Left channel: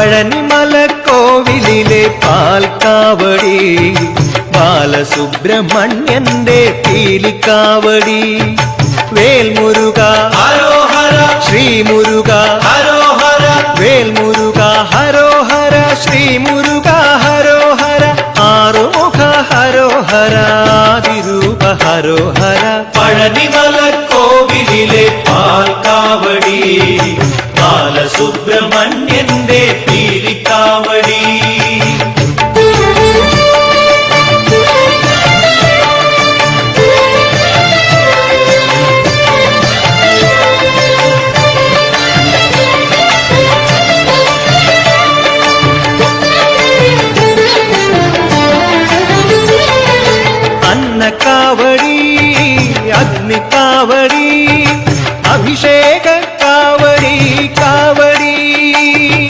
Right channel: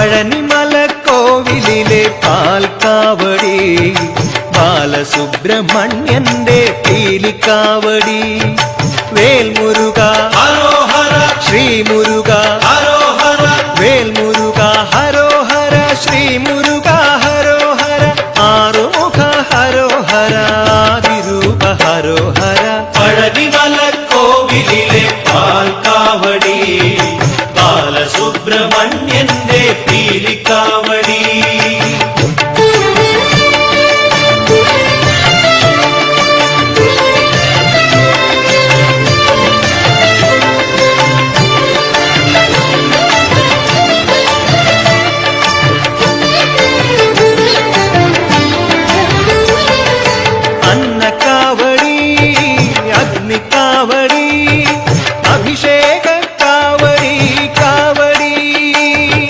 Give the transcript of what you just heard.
പഴനിമലക്കോവിലിലെ പാൽക്കാവടി, ബാലസുബ്രഹ്മണ്യന്റെ പീലിക്കാവടി. Vel Muruga Sree Muruka, Vel Muruga ഹരോഹര, Sree Muruka ഹരോഹര, Arumukha ഹരോഹര, ആദിരൂപ ഹരോഹര. പഴനിമലക്കോവിലിലെ പാൽക്കാവടി, ബാലസുബ്രഹ്മണ്യന്റെ പീലിക്കാവടി. അന്നക്കാവടി, Agnikavadi, Abhisheka